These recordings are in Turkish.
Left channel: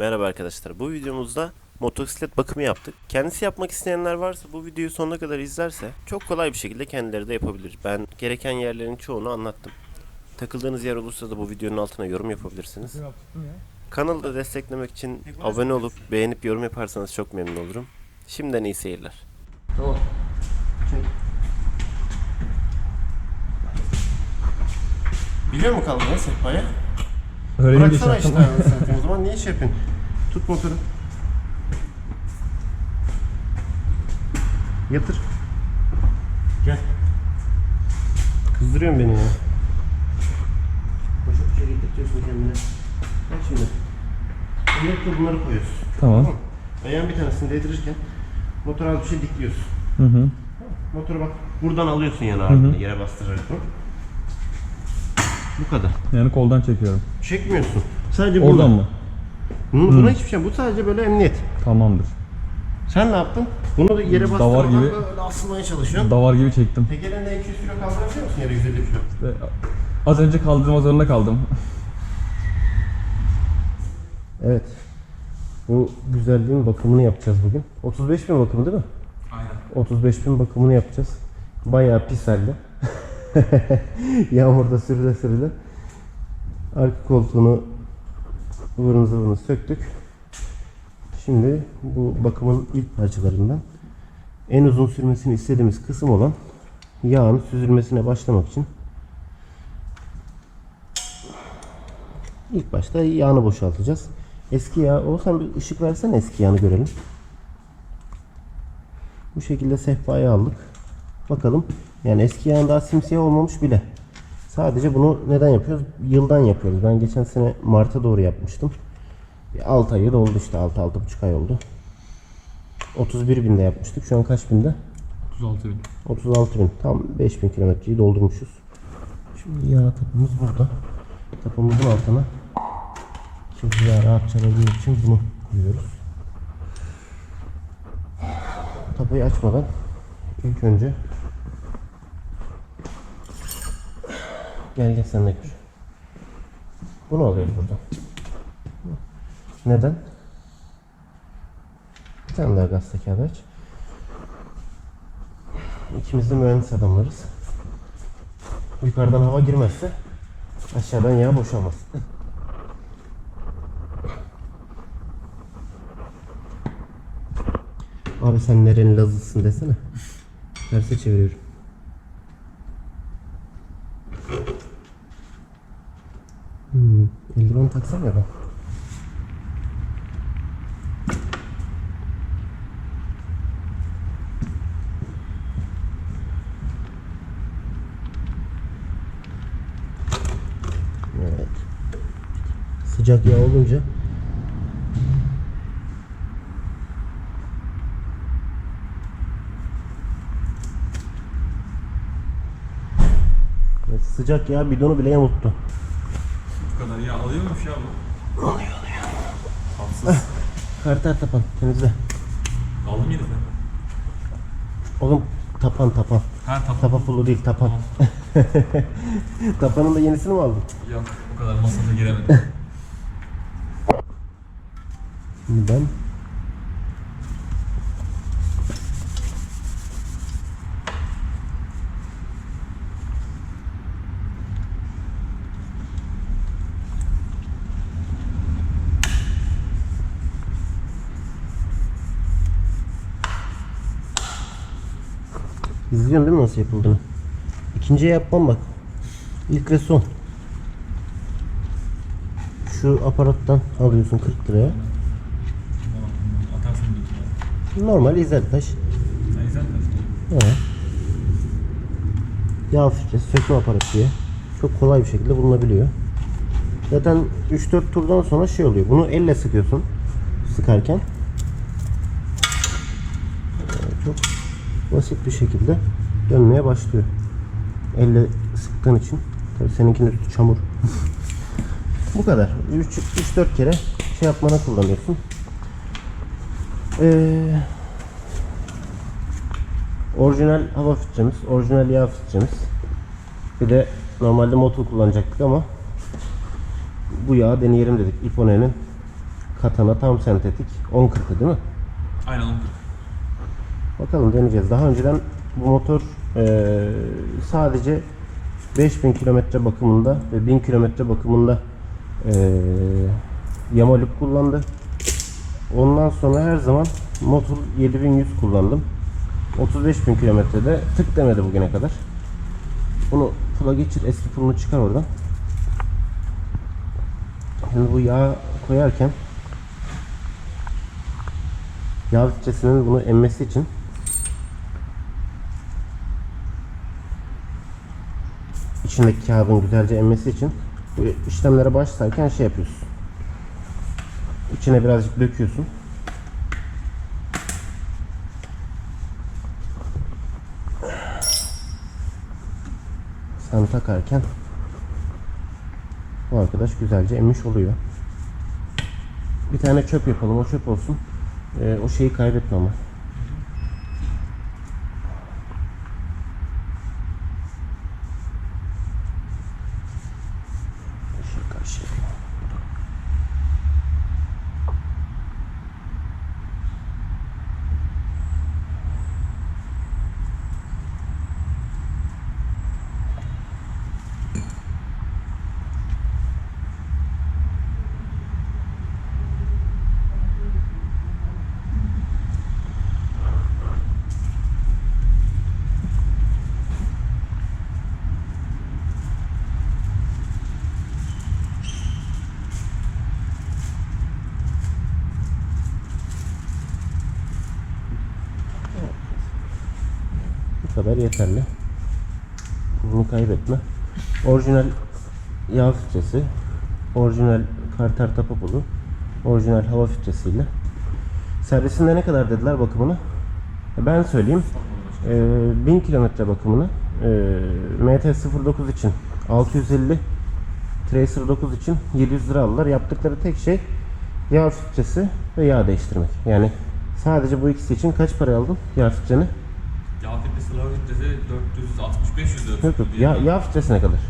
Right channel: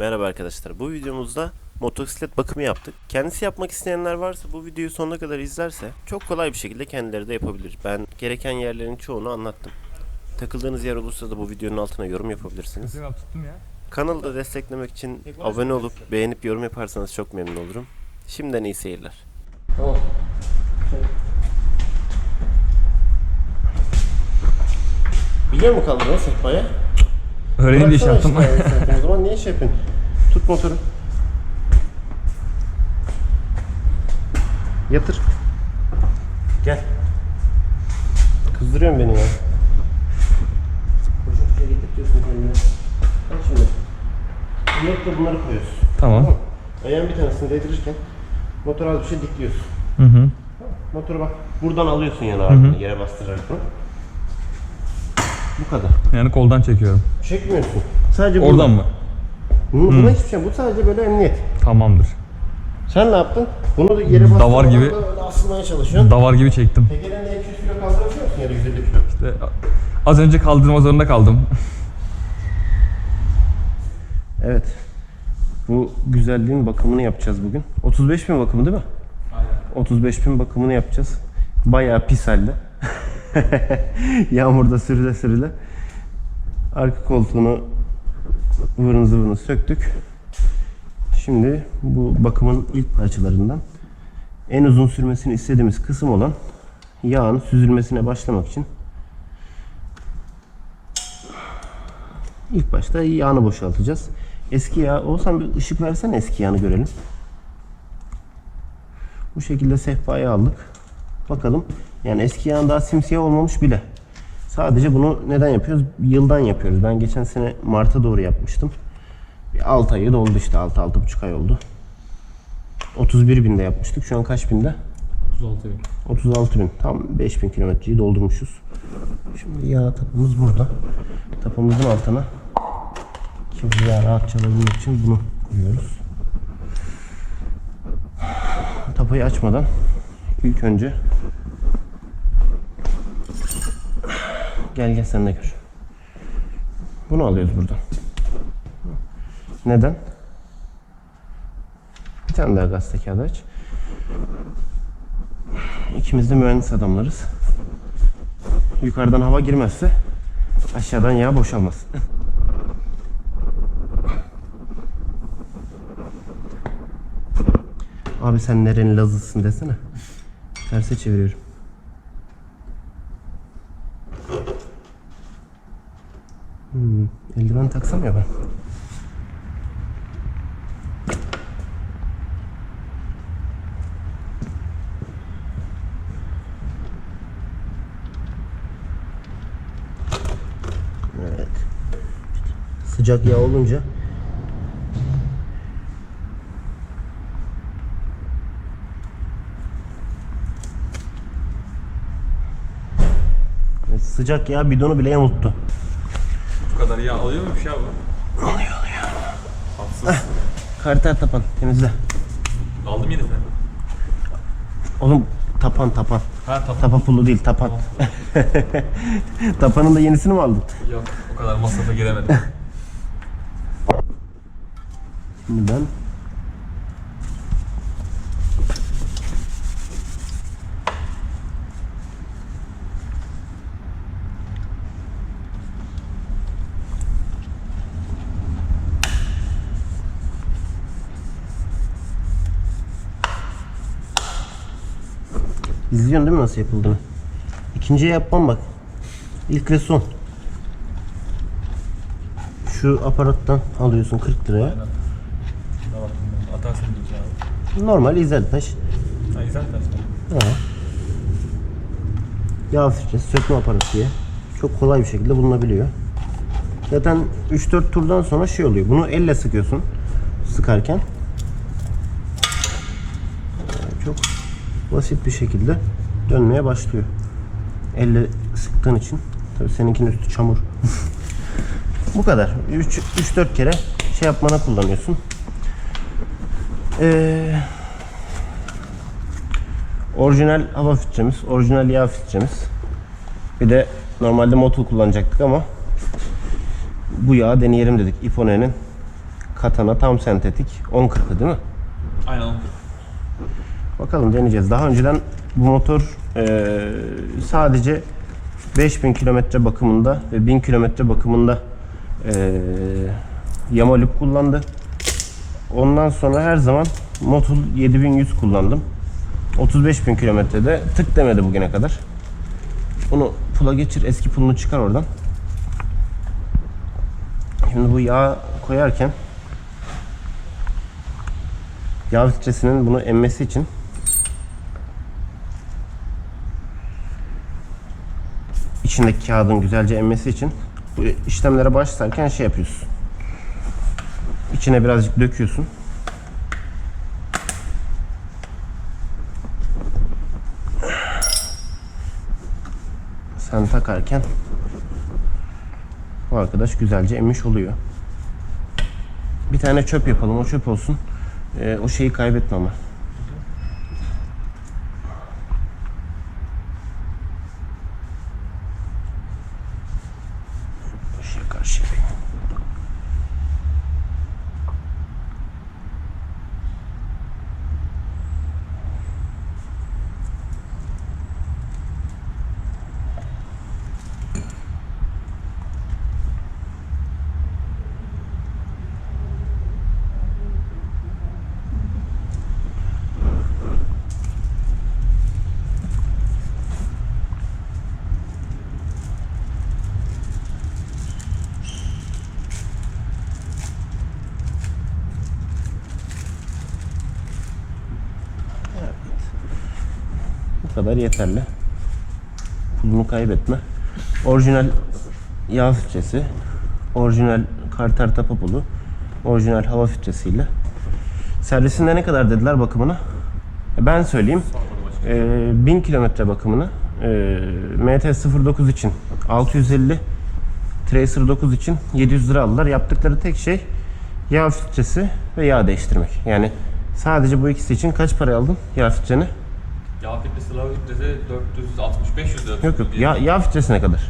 Merhaba arkadaşlar. Bu videomuzda motosiklet bakımı yaptık. Kendisi yapmak isteyenler varsa bu videoyu sonuna kadar izlerse çok kolay bir şekilde kendileri de yapabilir. Ben gereken yerlerin çoğunu anlattım. Takıldığınız yer olursa da bu videonun altına yorum yapabilirsiniz. Kanalı da desteklemek için abone olup beğenip yorum yaparsanız çok memnun olurum. Şimdiden iyi seyirler. Tamam. Biliyor mu kaldırma sehpaya? Öğrenin Bıraksana şey işte zaman niye iş yapıyorsun? Tut motoru. Yatır. Gel. Kızdırıyorsun beni ya. Boşa boşa getirtiyorsun kendine. Bak şimdi. Bunları bunları koyuyorsun. Tamam. Tamam. Ayağın bir tanesini değdirirken motora az bir şey dikliyorsun. Hı hı. Motoru bak buradan alıyorsun yani ağırlığını yere bastırarak bunu. Bu kadar. Yani koldan çekiyorum. Çekmiyorsun. Sadece Oradan buradan mı? Bunu, buna hiçbir şey. Bu sadece böyle emniyet. Tamamdır. Sen ne yaptın? Bunu da yere bastırmadan Davar gibi. böyle asılmaya çalışıyorsun. Davar gibi çektim. Tekerleğinde 200 kilo kaldırabiliyor musun yere 150 kilo? İşte az önce kaldırma zorunda kaldım. Evet. Bu güzelliğin bakımını yapacağız bugün. 35 bin bakımı değil mi? Aynen. 35 bin bakımını yapacağız. Bayağı pis halde. Yağmurda sürüle sürüle. Arka koltuğunu ıvırını zıvırını söktük. Şimdi bu bakımın ilk parçalarından en uzun sürmesini istediğimiz kısım olan yağın süzülmesine başlamak için ilk başta yağını boşaltacağız. Eski yağ olsan bir ışık versen eski yağını görelim. Bu şekilde sehpayı aldık. Bakalım. Yani eski yağın daha simsiyah olmamış bile. Sadece bunu neden yapıyoruz? Yıldan yapıyoruz. Ben geçen sene Mart'a doğru yapmıştım. Bir 6 ayı doldu işte. 6-6,5 ay oldu. 31 binde yapmıştık. Şu an kaç binde? 36 bin. 36 bin. Tam 5000 kilometreyi doldurmuşuz. Şimdi yağ tapımız burada. Tapımızın altına kirli yağ rahatça alabilmek için bunu koyuyoruz. Tapayı açmadan ilk önce gel gel sen de gör. Bunu alıyoruz burada. Neden? Bir tane daha gazete kağıdı aç. İkimiz de mühendis adamlarız. Yukarıdan hava girmezse aşağıdan yağ boşalmaz. Abi sen nerenin lazısın desene. Terse çeviriyorum. Eldiven taksam ya ben. Evet. Sıcak yağ olunca sıcak yağ bidonu bile yamulttu. Kadar yağ alıyor muymuş ya bu? Alıyor alıyor. Tatsız. Karter tapan temizle. Aldım yeni sen. Oğlum tapan tapan. Ha tamam. Tapa pulu değil tapan. Tapanın da yenisini mi aldın? Yok o kadar masrafa giremedim. Şimdi İzliyorsun değil mi nasıl yapıldığını? İkinciye yapmam bak. İlk ve son. Şu aparattan alıyorsun 40 liraya. Aynen. Tamam. Atarsın. Normal izel taş. Ha güzel taş. Evet. Yağ filtresi sökme aparatı diye. Çok kolay bir şekilde bulunabiliyor. Zaten 3-4 turdan sonra şey oluyor. Bunu elle sıkıyorsun. Sıkarken. Ee, Çok basit bir şekilde dönmeye başlıyor. Elle sıktığın için. Tabii seninkinin üstü çamur. Bu kadar. 3-4 kere şey yapmana kullanıyorsun. Eee Orijinal hava filtremiz, orijinal yağ filtremiz. Bir de normalde motul kullanacaktık ama bu yağı deneyelim dedik. Ipone'nin katana tam sentetik 10.40'ı değil mi? Aynen 10 Bakalım deneyeceğiz. Daha önceden bu motor eee, sadece 5000 kilometre bakımında ve 1000 kilometre bakımında eee Yamalip kullandı. Ondan sonra her zaman Motul 7100 kullandım. 35.000 kilometrede tık demedi bugüne kadar. Onu pula geçir, eski pulunu çıkar oradan. Şimdi bu yağ koyarken yağ filtresinin bunu emmesi için içindeki kağıdın güzelce emmesi için bu işlemlere başlarken şey yapıyorsun. İçine birazcık döküyorsun. Sen takarken bu arkadaş güzelce emmiş oluyor. Bir tane çöp yapalım. O çöp olsun. Ee, o şeyi kaybetme ama. Kadar yeterli. Pulunu kaybetme. Orijinal yağ filtresi, orijinal karter tapa pulu, orijinal hava filtresiyle. Servisinde ne kadar dediler bakımına? E, Ben söyleyeyim. Ee, 1000 kilometre bakımını e, MT-09 için 650 Tracer 9 için 700 lira aldılar. Yaptıkları tek şey yağ filtresi ve yağ değiştirmek. Yani sadece bu ikisi için kaç para aldın yağ filtreni? Yağ filtresi, lava filtresi 460-500 lira. Yok yok. Ya, yağ filtresi ne kadar?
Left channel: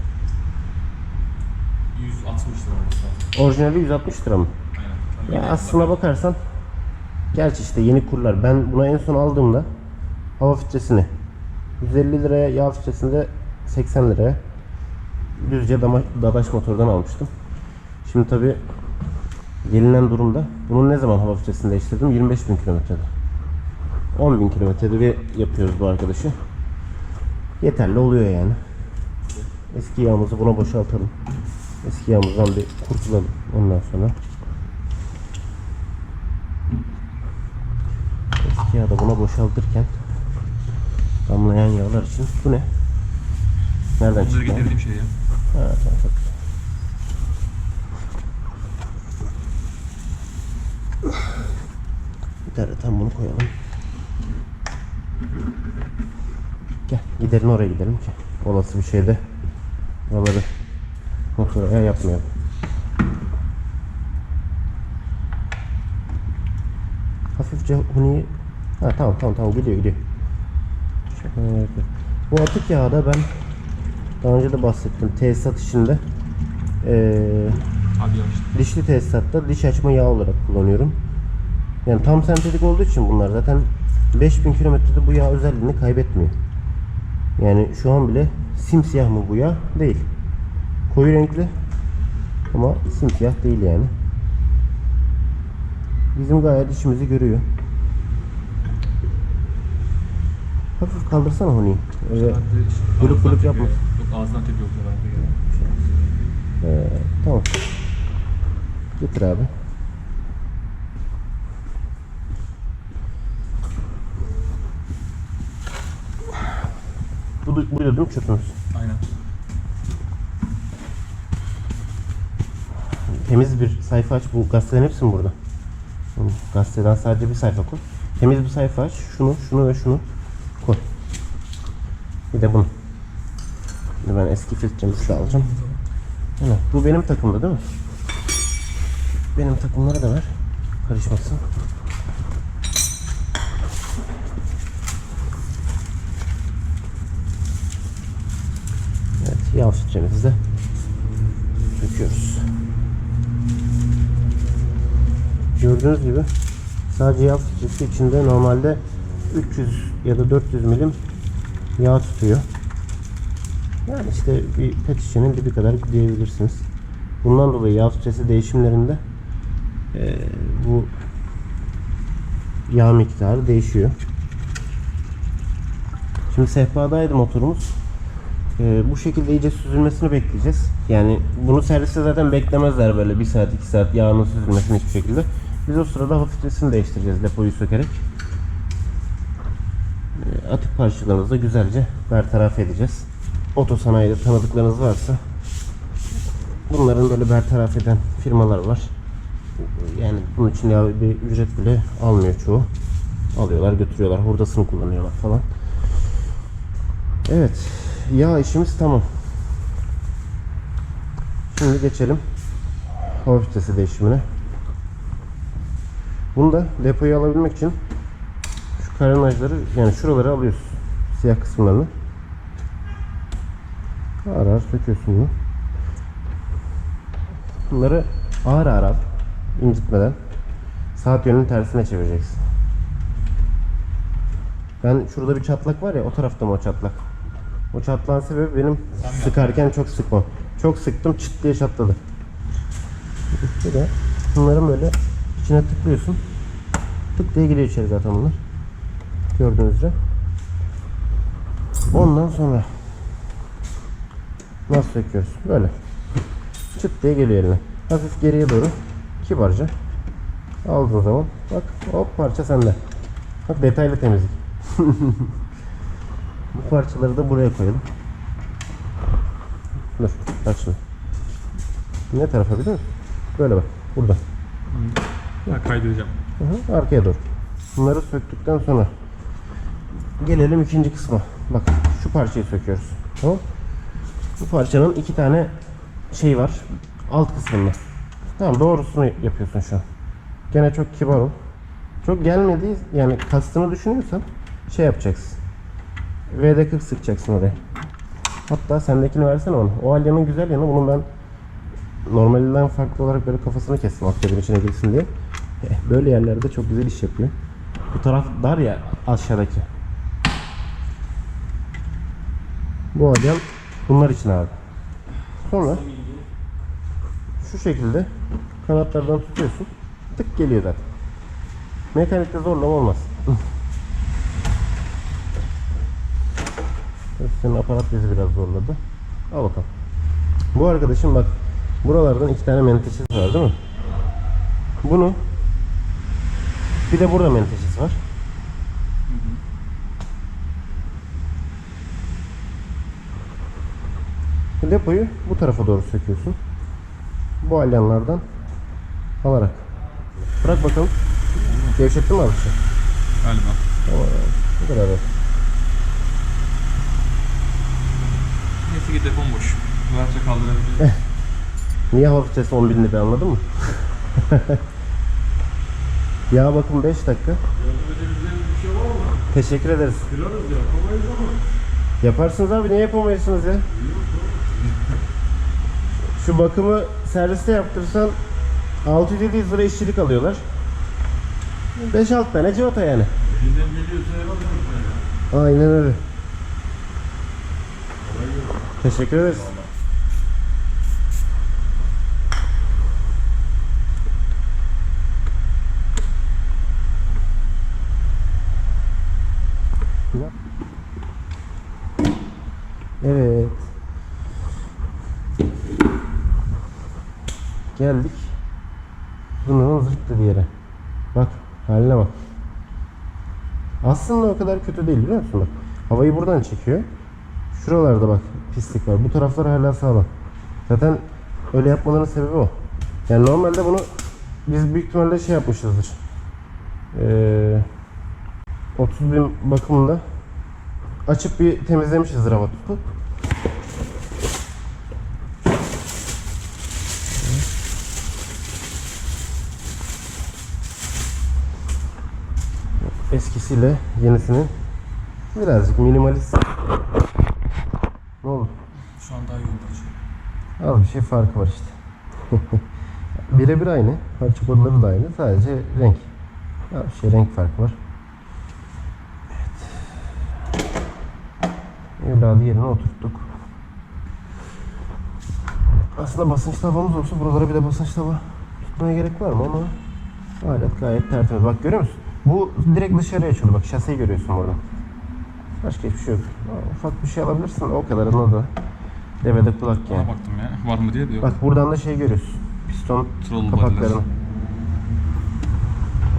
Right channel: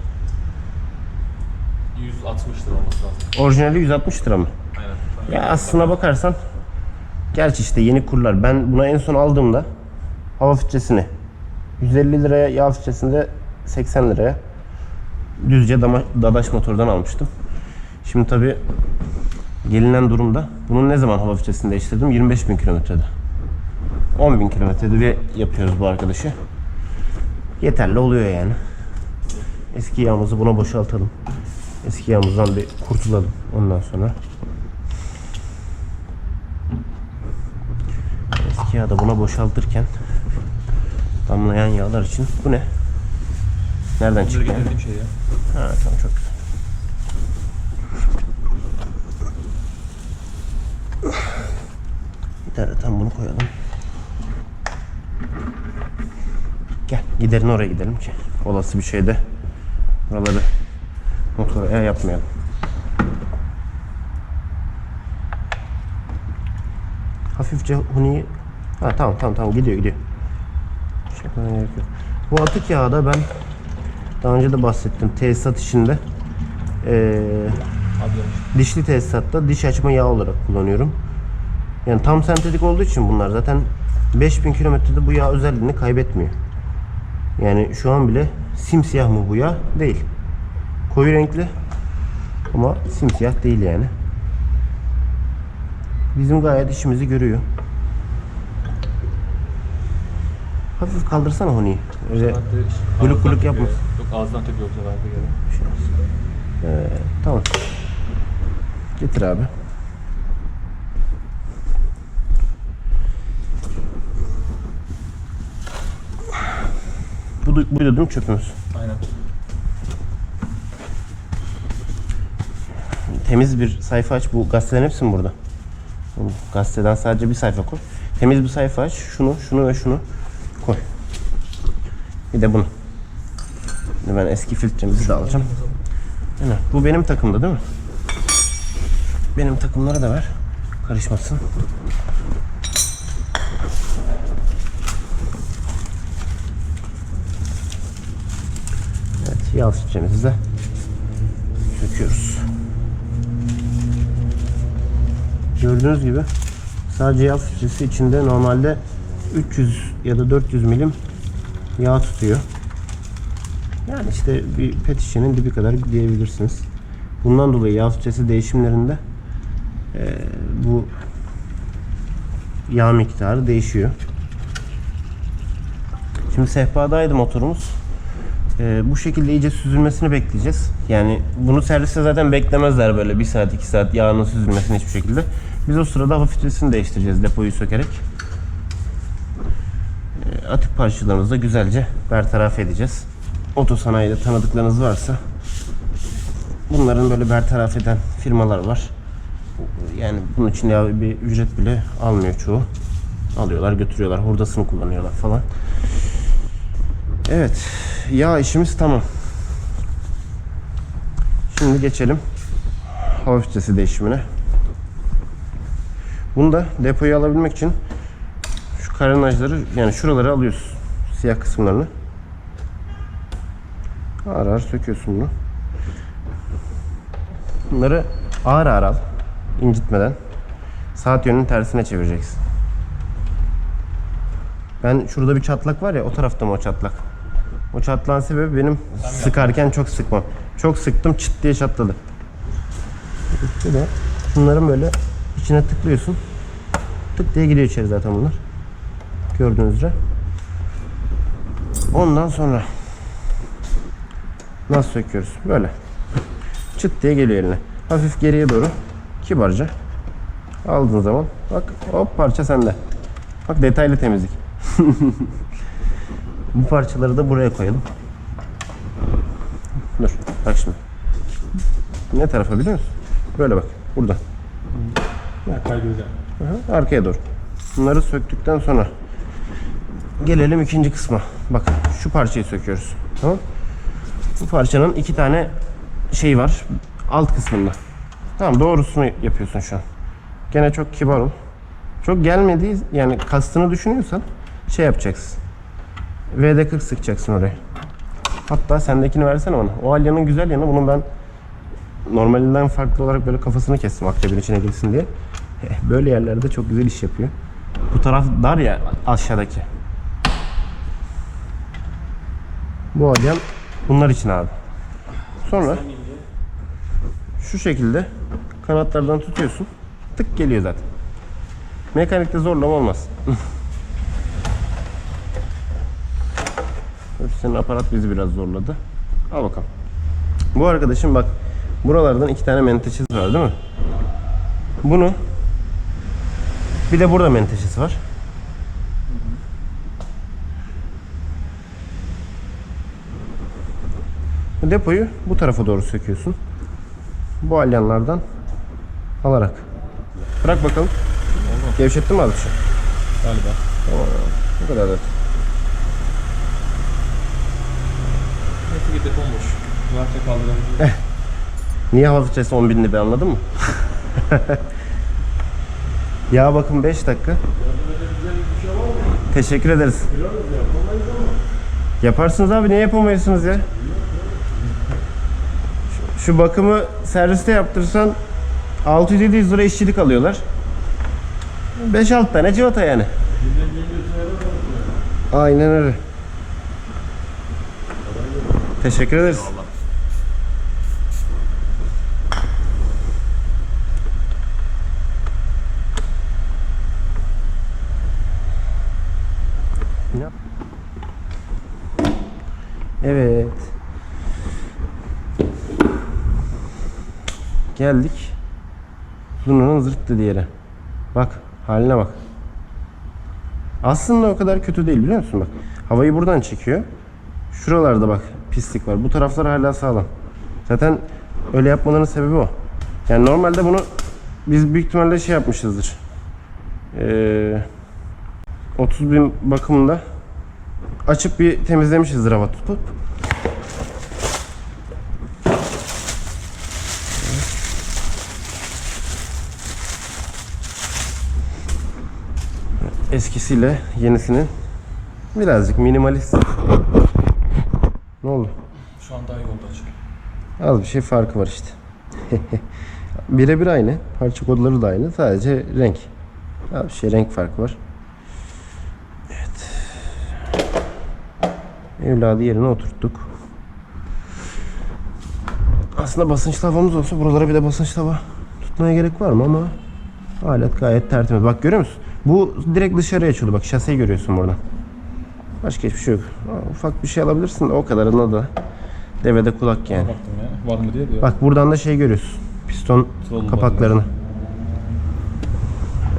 160 lira olması lazım. Orijinali 160 lira mı? Aynen. Ya aslına bakalım. bakarsan gerçi işte yeni kurlar. Ben buna en son aldığımda hava filtresini 150 liraya yağ filtresinde 80 liraya düzce dama, dadaş motordan almıştım. Şimdi tabi gelinen durumda bunun ne zaman hava filtresini değiştirdim? 25 bin kilometrede. 10 bin kilometrede bir yapıyoruz bu arkadaşı. Yeterli oluyor yani. Eski yağımızı buna boşaltalım. Eski yağımızdan bir kurtulalım ondan sonra. Eski yağı da buna boşaltırken damlayan yağlar için bu ne? Nereden çıktı? getirdiğim şey ya. Ha tamam çok güzel. Bir tane tam bunu koyalım. Gel giderin oraya gidelim ki olası bir şeyde buraları motora yapmayalım. Hafifçe huniyi Ha tamam tamam tamam gidiyor gidiyor. Bu atık yağı da ben daha önce de bahsettim. Tesisat işinde yavaş. dişli tesisatta diş açma yağı olarak kullanıyorum. Yani tam sentetik olduğu için bunlar zaten 5000 kilometrede bu yağ özelliğini kaybetmiyor. Yani şu an bile simsiyah mı bu yağ? Değil. Koyu renkli ama simsiyah değil yani. Bizim gayet işimizi görüyor. Hafif kaldırsana Honi'yi. Öyle gülük tepiyor. yapma. Yok ağızdan tepiyor bu sefer. Ee, tamam. Getir abi. Bu, buydu değil mi çöpümüz? Aynen. Temiz bir sayfa aç. Bu gazetelerin hepsi mi burada? Gazeteden sadece bir sayfa koy. Temiz bir sayfa aç. Şunu, şunu ve şunu koy. Bir de bunu. Şimdi ben eski filtremizi de alacağım. Aynen. Bu benim takımda değil mi? Benim takımları da ver. Karışmasın. De döküyoruz. Gördüğünüz gibi sadece yağ filtresi içinde normalde 300 ya da 400 milim yağ tutuyor. Yani işte bir pet şişenin dibi kadar diyebilirsiniz. Bundan dolayı yağ filtresi değişimlerinde eee, bu yağ miktarı değişiyor. Şimdi sehpadaydı motorumuz. Ee, bu şekilde iyice süzülmesini bekleyeceğiz. Yani bunu serviste zaten beklemezler böyle 1 saat 2 saat yağının süzülmesini hiçbir şekilde. Biz o sırada hava filtresini değiştireceğiz depoyu sökerek. Ee, atık parçalarımızı da güzelce bertaraf edeceğiz. Otosanayide tanıdıklarınız varsa bunların böyle bertaraf eden firmalar var. Yani bunun için ya bir ücret bile almıyor çoğu. Alıyorlar götürüyorlar hurdasını kullanıyorlar falan. Evet. Yağ işimiz tamam. Şimdi geçelim hava filtresi değişimine. Bunu da depoyu alabilmek için şu karenajları yani şuraları alıyorsun. Siyah kısımlarını. Ağır ağır söküyorsun bunu. Bunları ağır ağır al. incitmeden. Saat yönünün tersine çevireceksin. Ben şurada bir çatlak var ya o tarafta mı o çatlak? O çatlağın sebebi benim Tam sıkarken çok sıkmam. Çok sıktım çıt diye çatladı. Da bunların böyle içine tıklıyorsun. Tık diye giriyor içeri zaten bunlar. Gördüğünüz üzere. Ondan sonra nasıl söküyoruz? Böyle. Çıt diye geliyor eline. Hafif geriye doğru kibarca aldığın zaman bak hop parça sende. Bak detaylı temizlik. Bu parçaları da buraya koyalım. Dur bak şimdi. Ne tarafa biliyor musun? Böyle bak burada. Ha, kaydıracağım. Aha, arkaya doğru. Bunları söktükten sonra gelelim ikinci kısma. Bak şu parçayı söküyoruz. Tamam. Bu parçanın iki tane şey var. Alt kısmında. Tamam doğrusunu yapıyorsun şu an. Gene çok kibar ol. Çok gelmediği yani kastını düşünüyorsan şey yapacaksın. VD40 sıkacaksın oraya. Hatta sendekini versene ona. O alyanın güzel yanı bunu ben normalinden farklı olarak böyle kafasını kestim aktörün içine girsin diye. Eh, Böyle yerlerde çok güzel iş yapıyor. Bu taraf dar ya aşağıdaki. Bu alyan bunlar için abi. Sonra şu şekilde kanatlardan tutuyorsun. Tık geliyor zaten. Mekanikte zorlama olmaz. Senin aparat bizi biraz zorladı. Al bakalım. Bu arkadaşım bak buralardan iki tane menteşesi var değil mi? Bunu bir de burada menteşesi var. Depoyu bu tarafa doğru söküyorsun. Bu alyanlardan alarak. Bırak bakalım. Gevşettin mi abi? şu? Galiba. Bu kadar evet. Ki depom boş. Rahatça kaldırabilirim. Niye hava filtresi 10 bin lira anladın mı? Yağ bakım 5 dakika. Teşekkür ederiz. Yaparsınız abi niye yapamayıyorsunuz ya? Şu- Şu bakımı serviste yaptırsan 600-700 lira işçilik alıyorlar. 5-6 tane civata yani. Aynen öyle. Teşekkür ederiz. Evet. Geldik. Bunun zırt yere. Bak haline bak. Aslında o kadar kötü değil biliyor musun bak. Havayı buradan çekiyor. Şuralarda bak pislik var. Bu taraflar hala sağlam. Zaten öyle yapmalarının sebebi o. Yani normalde bunu biz büyük ihtimalle şey yapmışızdır. Ee, 30 bin bakımında açıp bir temizlemişizdir hava tutup. Eskisiyle yenisinin birazcık minimalist. Ne oldu? Şu an daha iyi oldu hocam. Az bir şey farkı var işte. Birebir aynı. Parça kodları da aynı. Sadece renk. Ya bir şey renk farkı var. Evet. Evladı yerine oturttuk. Aslında basınçlı havamız olsa buralara bir de basınçlı hava tutmaya gerek var mı ama alet gayet tertemiz. Bak görüyor musun? Bu direkt dışarıya açıyordu. Bak şaseyi görüyorsun buradan. Başka hiçbir şey yok. Ufak bir şey alabilirsin de o kadarına da devede kulak yani. Ona baktım ya. Var mı diye diyor. Bak buradan da şey görüyorsun. Piston Troll kapaklarını.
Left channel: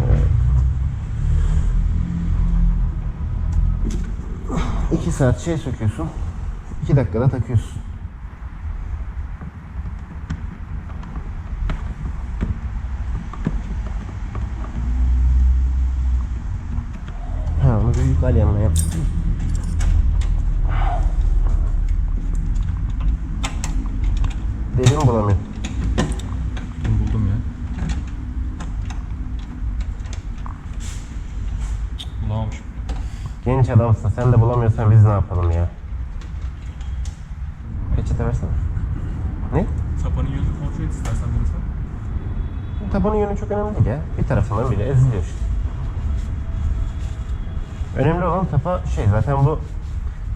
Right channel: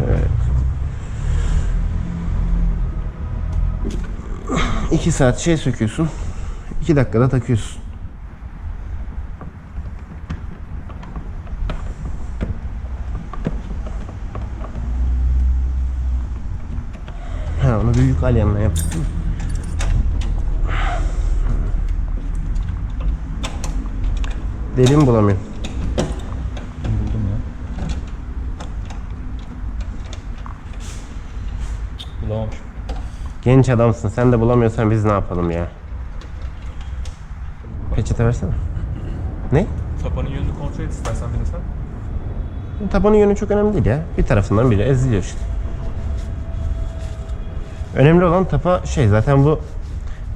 Evet. 2 saat şey söküyorsun. 2 dakikada takıyorsun. Ha onu büyük alyanla yaptık. değil mi? Derin bulamıyorum. Buldum ya. Bulamamışım. Genç adamsın. Sen de bulamıyorsan biz ne yapalım ya? Peçete versene. Ne? Tapanın yönünü kontrol et istersen bir de sen. Tabanın yönü çok önemli değil ya. Bir tarafından biri eziliyor işte. Önemli olan tapa şey zaten bu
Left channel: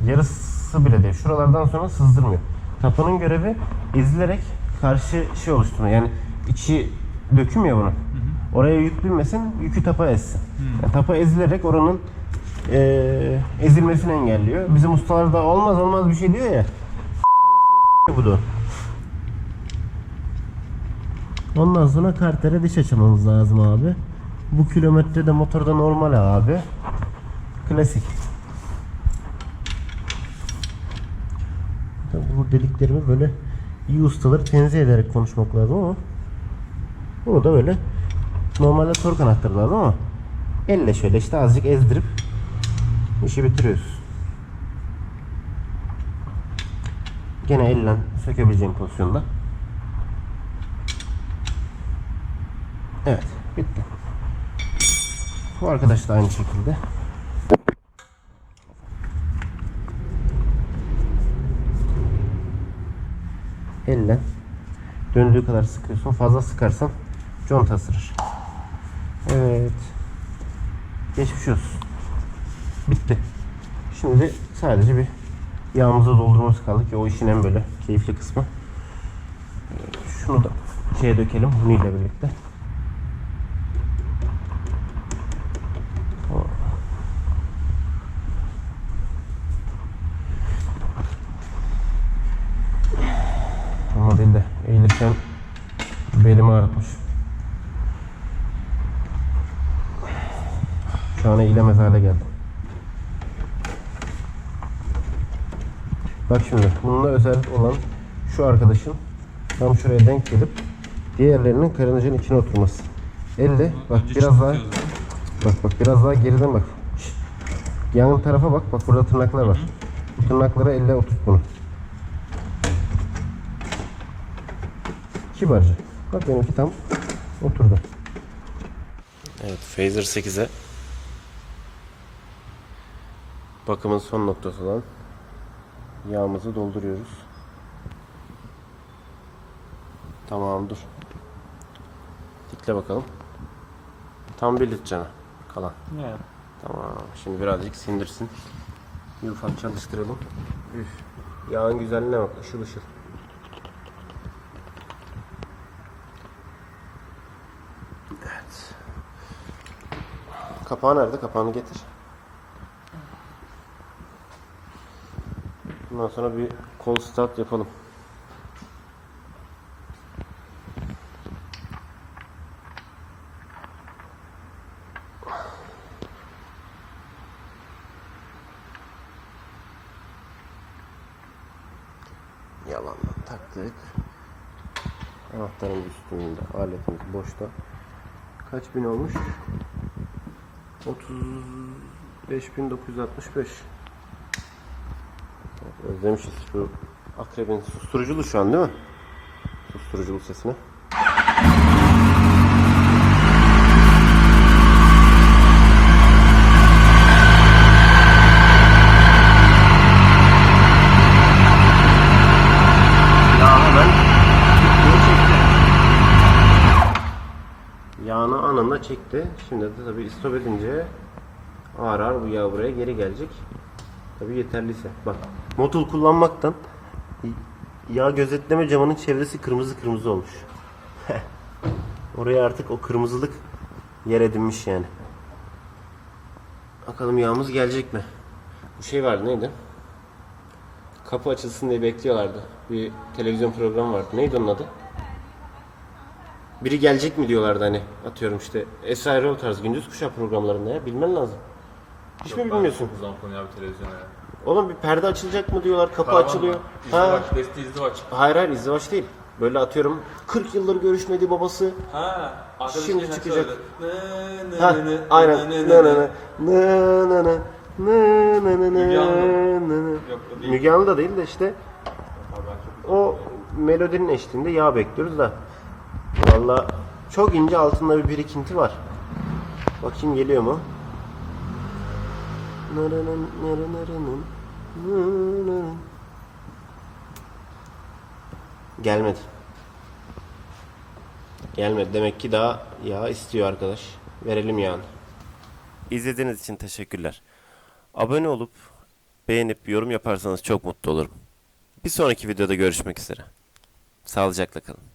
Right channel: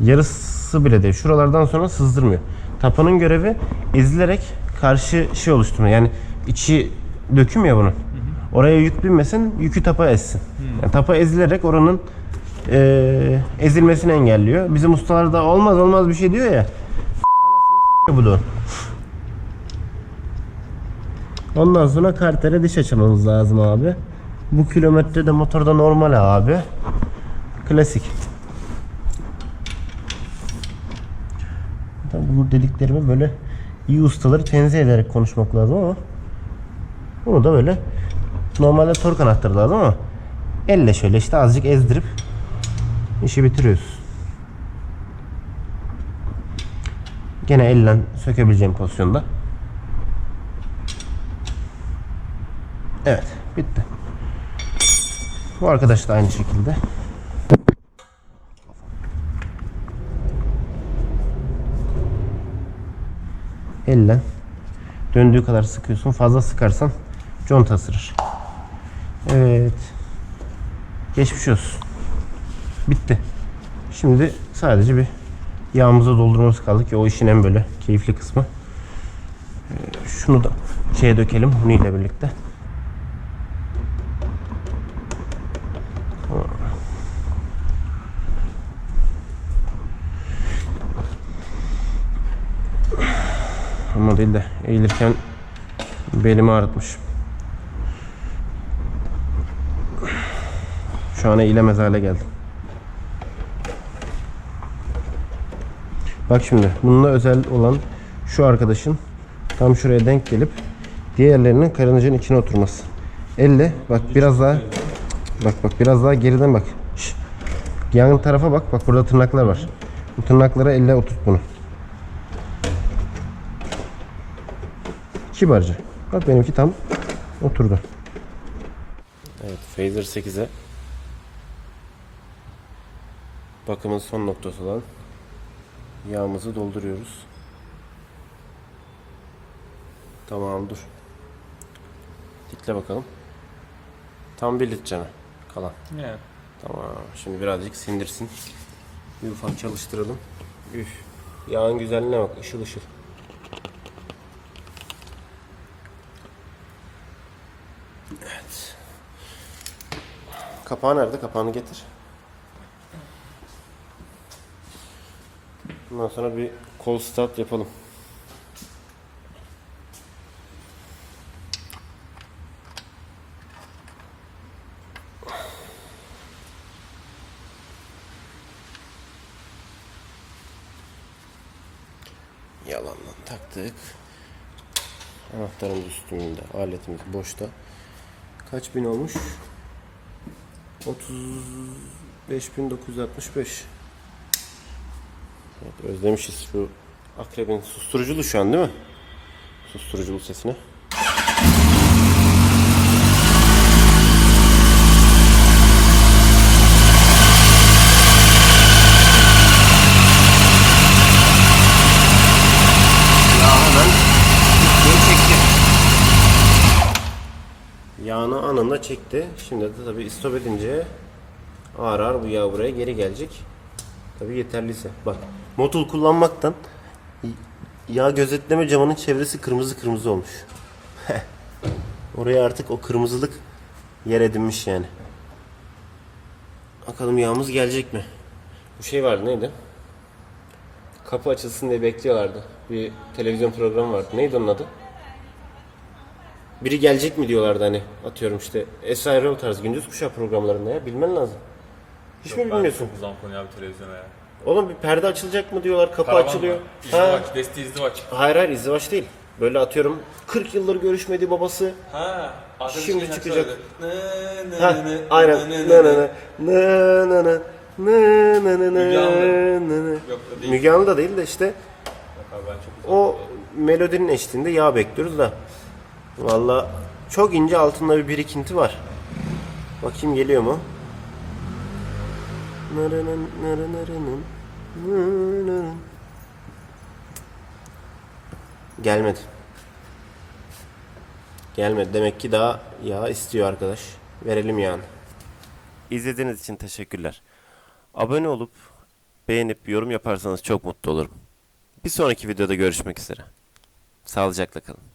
yarısı bile değil. Şuralardan sonra sızdırmıyor. Tapanın görevi ezilerek karşı şey oluşturma. Yani içi döküm ya bunun. Oraya yük binmesin, yükü tapa ezsin. Yani tapa ezilerek oranın eee, ezilmesini engelliyor. Bizim ustalar da olmaz olmaz bir şey diyor ya. Anasını s**ıyor bu da. Ondan sonra kartere diş açmamız lazım abi. Bu kilometre de motorda normal abi. Klasik. Bu dediklerimi böyle iyi ustaları tenzih ederek konuşmak lazım ama bunu da böyle normalde tork anahtarı lazım ama elle şöyle işte azıcık ezdirip işi bitiriyoruz. Gene elle sökebileceğim pozisyonda. Evet, bitti. Bu arkadaş da aynı şekilde. Elle döndüğü kadar sıkıyorsun. Fazla sıkarsan conta ısırır. Evet. Geçmiş olsun. Bitti. Şimdi sadece bir yağımıza doldurmamız kaldı ki o işin en böyle keyifli kısmı. Ee, Şunu da şeye dökelim Huni ile birlikte. Ama değil de eğilirken belimi ağrıtmış. Şu an eğilemez hale geldim. Bak şimdi bununla özel olan şu arkadaşın tam şuraya denk gelip diğerlerinin karıncanın içine oturması. Elle bak biraz daha bak bak biraz daha geriden bak. Şş. Yan tarafa bak bak burada tırnaklar var. Bu tırnaklara elle oturt bunu. Kibarca. Bak benimki tam oturdu. Evet Phaser 8'e bakımın son noktası olan yağımızı dolduruyoruz. Tamam dur. Dikle bakalım. Tam bir litre kalan. Yani. Tamam. Şimdi birazcık sindirsin. Bir ufak çalıştıralım. Üf. Yağın güzelliğine bak. ışıl ışıl. Evet. Kapağı nerede? Kapağını getir. Bundan sonra bir kol start yapalım. Yalandan taktık. Anahtarımız üstünde, aletimiz boşta. Kaç bin olmuş? 35.965. Evet, özlemişiz şu akrebin susturuculu şu an değil mi? Susturuculu sesini. Çekti. Yağını anında çekti. Şimdi de tabii istop edince ağır ağır bu yağ buraya geri gelecek. Tabii yeterliyse. Bak motul kullanmaktan yağ gözetleme camının çevresi kırmızı kırmızı olmuş. Oraya artık o kırmızılık yer edinmiş yani. Bakalım yağımız gelecek mi? Bu şey vardı neydi? Kapı açılsın diye bekliyorlardı. Bir televizyon programı vardı. Neydi onun adı? Biri gelecek mi diyorlardı hani. Atıyorum işte Esra Erol tarzı gündüz kuşağı programlarında ya. Bilmen lazım. Hiç mi bilmiyorsun? Çok zaman konuyu abi televizyona ya. Oğlum bir perde açılacak mı diyorlar. Kapı Karavan açılıyor. mı? Ha. İzdivaç, desti izdivaç. Hayır hayır izdivaç değil. Böyle atıyorum 40 yıldır görüşmediği babası Ha, arkadaşım Şimdi şarkı çıkacak. söyledi. Ne, ne, Ha, ne, ne, aynen. ne, Ne ne, ne ne. ne ne ne ne ne ne ne Müge Anlı. ne ne. Yok o değil. Müge Anlı da değil de işte Yok abi ben çok uzak. o melodinin eşliğinde yağ bekliyoruz da. Valla çok ince altında bir birikinti var. Bakayım geliyor mu? Narının, narınırının, narının. Gelmedi. Gelmedi. Demek ki daha yağ istiyor arkadaş. Verelim yağını. İzlediğiniz için teşekkürler. Abone olup beğenip yorum yaparsanız çok mutlu olurum. Bir sonraki videoda görüşmek üzere. Sağlıcakla kalın.